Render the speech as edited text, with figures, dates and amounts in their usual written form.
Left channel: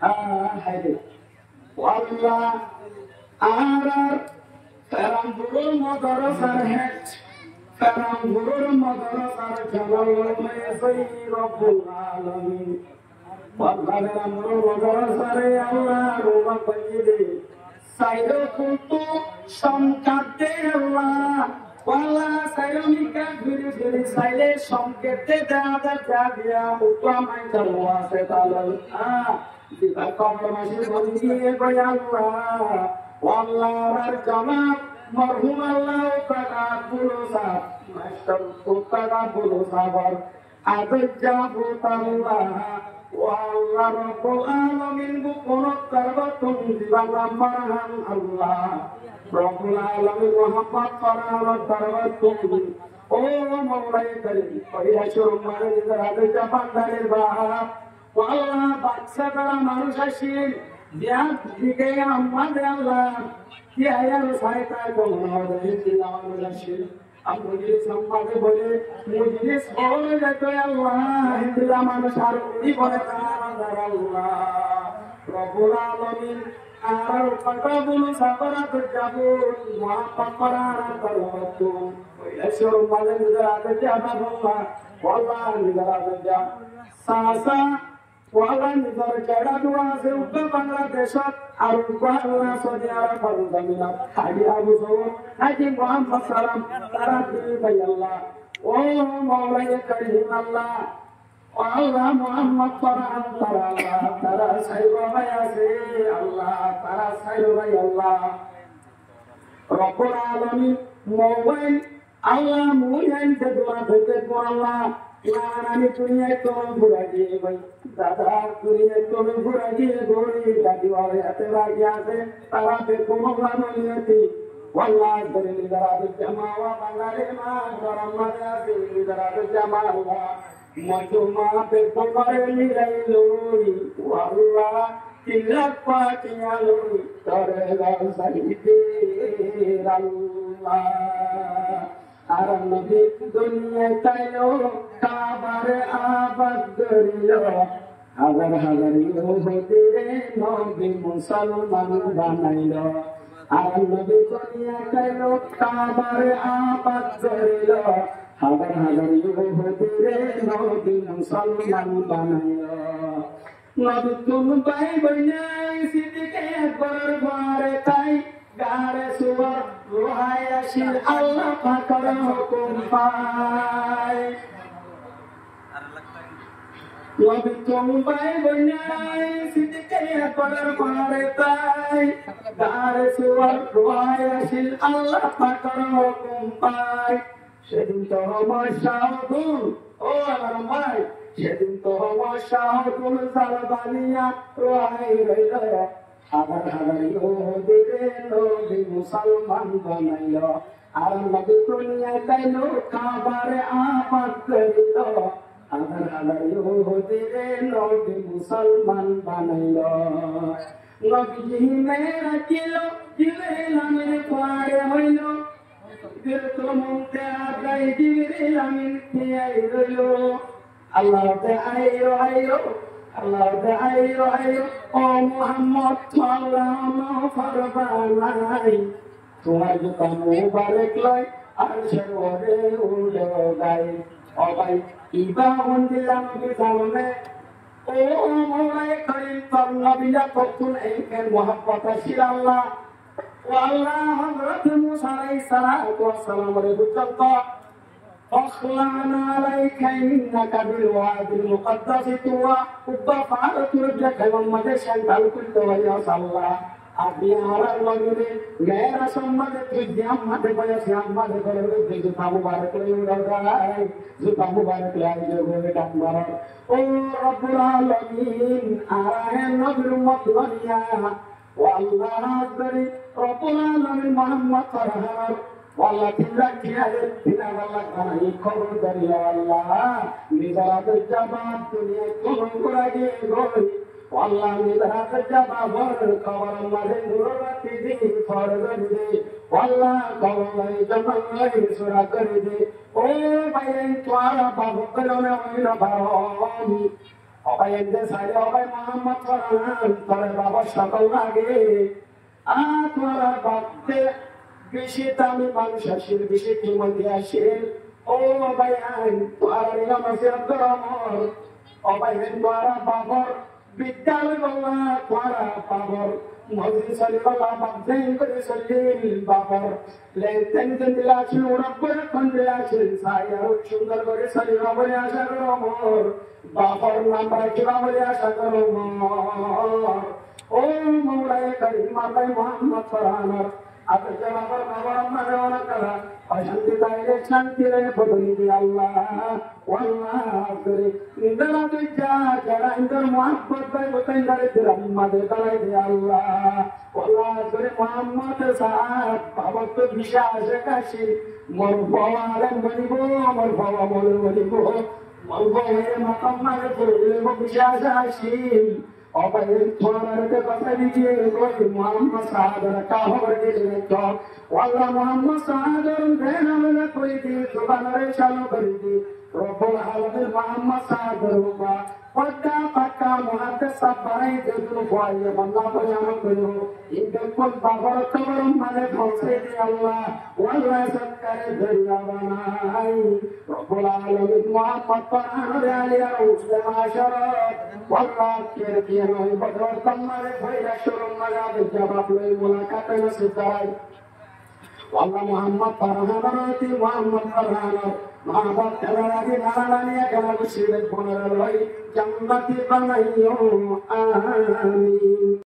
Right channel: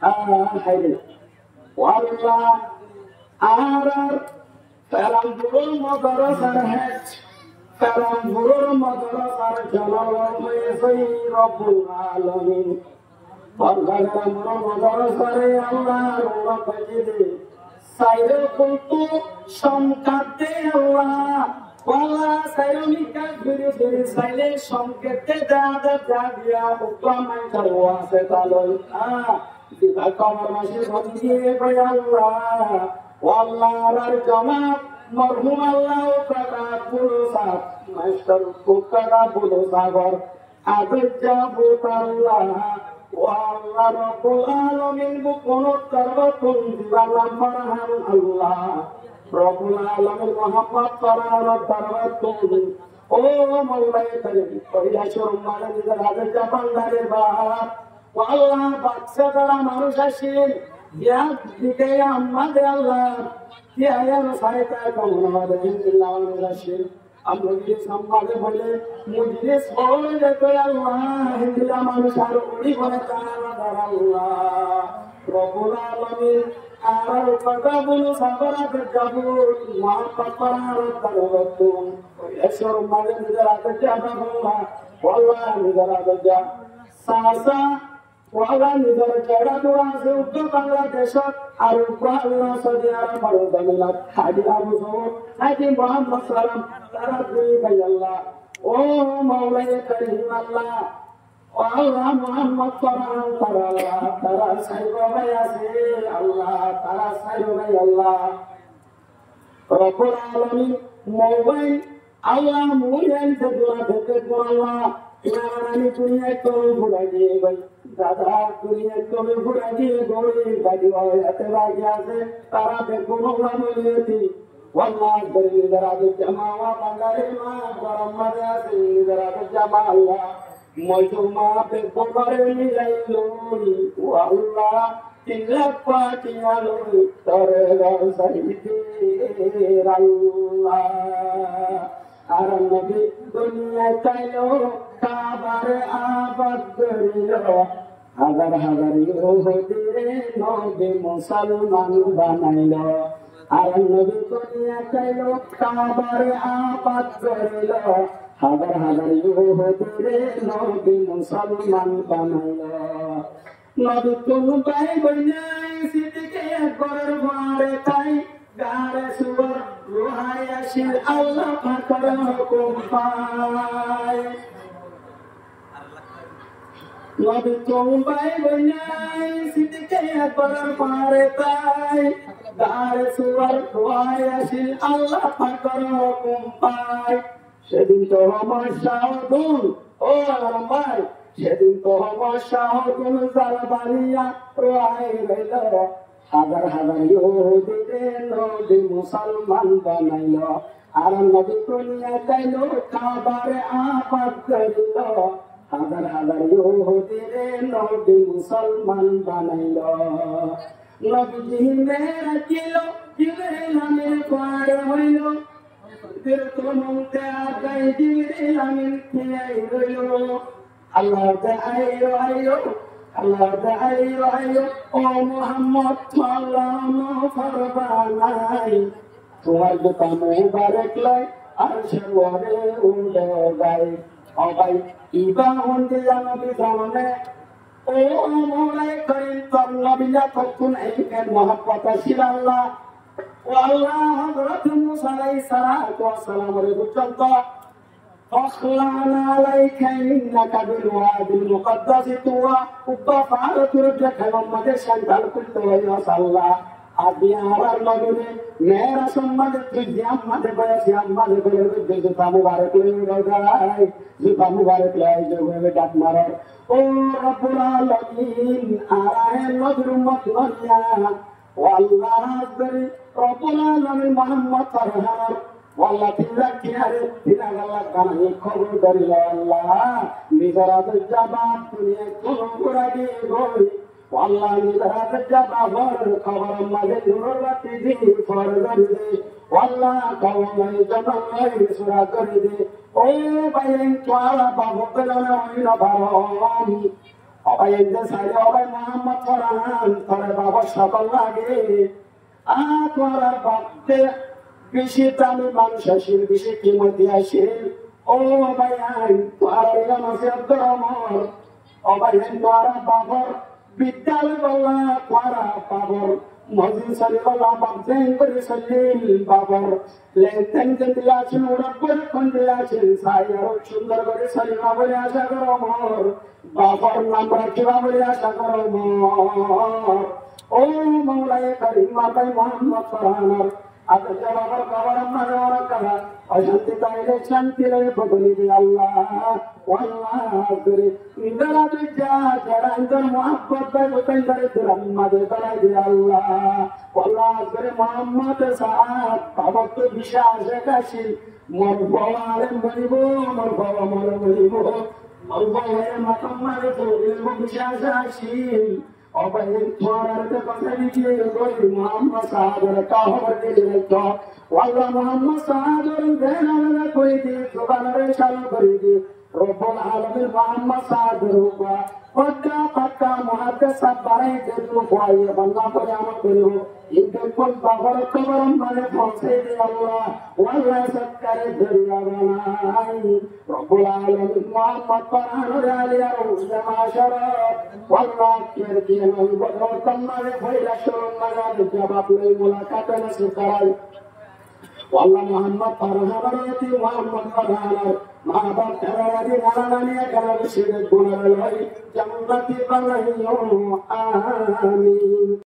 হাইরে আল্লাহ আর পেরামপুরের মাদ্রাসার হেড পেরামপুরের মাদ্রাসার জালালামে সেই রব্বুল আলামিন পাগলের আমরা মাদ্রাসারে আল্লাহ রহমত দিয়ে সাইরে কুতু সংকাতে আল্লাহ ওয়ালা সাইরনিকা ভিড়ে ভিড়ে সাইলে সংকেতে দাদা জাগিয়া উপামাই করওয়া সে তালন দিবা কবর মাসে বন্দিয়ে গয় আল্লাহ ওয়াল্লাহর জনাব মরহুম আল্লাহ কাটা পুরুষা মাস্টার পুকারা বুলো সাগর আদজ্জা বুতাল্লাহ ওয়াল্লাহ রব্বুল আলামিন বুকুনত করবতুন দিবানা মারহাম আল্লাহ রব্বুল আলামিন মুহাম্মদ করার দরবাতুন ও মাওলায়ে কারীম কইলা শরমারে নিজের আদজ্জা বান্দারের বাহাব ওয়াল্লাহ বাদশা করা মানুষ আসেন বিয়ার দিকে আমাদের আল্লাহ কি আয়ার সাইতা কোন দিল্লাহ রাশিদ আমরা যে সম্মানে বলে মুজলিস বলে যেত আল্লাহ হিন্দুরা মানুষ আর উনি বলে তার আল্লাহ রব্বুল আলামিন আর কথা বলো সাবরা যাব মহাপাপ করার দরবাতুন এসর মাঝে নিজের আগে যাবা আল্লাহ নিজের আগে যা সাসা ওয়ালা নিজের জায়গা দোয়া আছে উত্তর বাংলাদেশত আর বাংলা সৌদি আরব ভারত মিলাত হাজি আবু সৌদ হাজি মোহাম্মদ সালাম তারা দুই ভাই আল্লাহ ও মাওলায়ে কারীম আল্লাহ ও আল্লাহ মোহাম্মদ ফরহান তারা আল্লাহ তারা সাইবা ভাই আছে আল্লাহ তারা সাইবা ভাই আল্লাহ রব্বুল আলামিন মোবাইল আল্লাহ মোবাইল তে দোয়া দেতে আল্লাহ আমি দুনিয়ায় তোর ঘুরা দিয়ে ভাই দাদা দুনিয়ায় তোর ঘুরা দিয়ে গই দাদি ভাই হাতে বাকি আছে তারা বেকুম নিয়তি ওয়াল্লাহ ধরে নিদারাতে জামাওয়া বাঙালি মা গরম মাঝে আছে নিদারাতে জামা আল্লাহ মজুমা বেকুম করে নিলাইলুই ওয়াল্লাহ তিলক পাটিয়ালুই তরে গাছাইতে আল্লাহ আর নবী দুনিয়ায় তাইলো কাবার আবাদ করিল হাজার হাজার ইহুদিরে নবী মুসলমান বানাইল আর নবী দুনিয়ায় তাইলো কাবার আবাদ করিল হাজার হাজার ইহুদিরে নবী মুসলমান বানাইল নবী কোন ভাই বইনাই সিদ্দিকে একবার বারে তাই গারে সুবর রোহায় আসির আল্লাহ পাকের হুকুম পায় নবী কোন ভাই বইনাই সিদ্দিকে একবার বারে তাই গারে সুবর রোহায় আসির আল্লাহ পাকের হুকুম পায় সেদিন তো আমার শাহদুল ও আমার ভাই সেদিন তো আমার শাহদুল জালবালিয়া রোহায় রইল হাজার হাজার ইহুদিরে নবী মুসলমান বানাইল আর নবী দুনিয়ায় তাইল কাবারে আবাদ করিল হাজার হাজার ইহুদিরে নবী মুসলমান বানাইল নবীজি মেরা কিল জিবরিল আমিন পারে হইল তিরতমতে আগাই জিবরিল আমিন খিয়াই রইল আল্লাহ তে আইয়ো আইয়ো আল্লাহ তে আইয়ো আইয়ো ও মুহাম্মদ সাল্লাল্লাহু ফরমানাই তোমার জুতা মুবারক লয় আর সওয়ারে উড়ে গায় ও ভাই ইবা মন্দি জানবি জানে ও মোলায়ে করিম তোর নবিয়া তখন এইকের মহব্বত ছিল আল্লাহ ও আল্লাহ হযরত মুসা আলাইহিস সালাতু ওয়াস সালামের বুঝত أخلعنا عليك إنك بالوادي المقدس طوى وفعلت رجك لما تشهد كل ويا صلى أبي أرى المجد मेरा सम्मान तुझे अम्मद बयसी अम्मद करे जुता मुबारक ले उड़ाई जुता मुबारक ले जो बोले डाक मारो ओ रब्बुल आलमीन आरा है नजर मत दुनिया वल्लाह हजरी रब्बुल आलमीन मोहम्मद फरहान والله تلاك يا رب الله كان يخبر دليل الله نزرات الجبات دنيا كل غراجي غوري والله نزرات الجبات خبر ما ضرورت دي فرض دي والله قوم جبل سورا كري دي او بين توارا بابو بلنا وين بارام অবাই এনে সাইরে অবাই মোহাম্মদ পরান তোর বাবা সকল লাগে তোমার বাপতে বেশি দামি মানুষ আসিল বেশি কিমতি আসিল ও ভাই আই তোমার মাসের ধর্মর অবাই তোমার বাবর বিদ্যালয় বলা তোমার বাবর মজুরি চলি বলা বাপদেন করে চলিল বাবর লেনতেন দিলে আছেন ওরব্বর কোন দিলে আছেন সাইয়ার সুন্দর করে চলিব বলে আশা করো মোর বাবর নাম রাখিবা বলে আশা করো মোর ও মৌলায় করিম মাতাই মোহাম্মদ ফরহানার আপনি বাবার বাবার আমার করা অশান্তি তাইলে শান্তি রে বদলি দি আল্লাহ আল্লাহ করে ইন্দরা বিজা যারা ইন্দর মোহাম্মদ ভাই গোতেন্দ্রে রহমাদে তাই দি আল্লাহ আল্লাহ করে মোহাম্মদ সাহেব বাবা তো বিশ্বাস কাশি মোর বাবা আলেম বলিব মোর বাবা মোর বলিব মোর বাবা মাতাম মারে বলিব বিশ্বাস আসি অপায় থোড়াতে কথা দিয়ে কই মোহাম্মদ সাহাবের কাহর দিলে তো ওয়াল্লাহ মোহাম্মদ সাহাবের দেনালে কই দিয়ে সুবহানারে চালু করে দি রব্বুল আলামিন মোহাম্মদ সাহাবের উপর পদ্দা পাক্কা মুহাদ্দিস সব বানাই দেবো কোয়ে বান্দা পরে আমল করো ইনকে কোন বাবার খবর মানে পৌঁছে দে আল্লাহ ওয়াল্লাহ সরকারে দরিয়া বানাই রব্বুল আলামিন মোহাম্মদ পানারে আলিয়া উসমাশারাত ওয়াল্লাহ কের দিয়ে বদর কমারে ভাইরা শরণ লাগাবে জবাব লই মুলাকাত নসিব করাই والله محمد فرحاناتي محمد فرحانات محمد كلامي نالاني كلام شيء بقول الله جنبتي بنايو آمين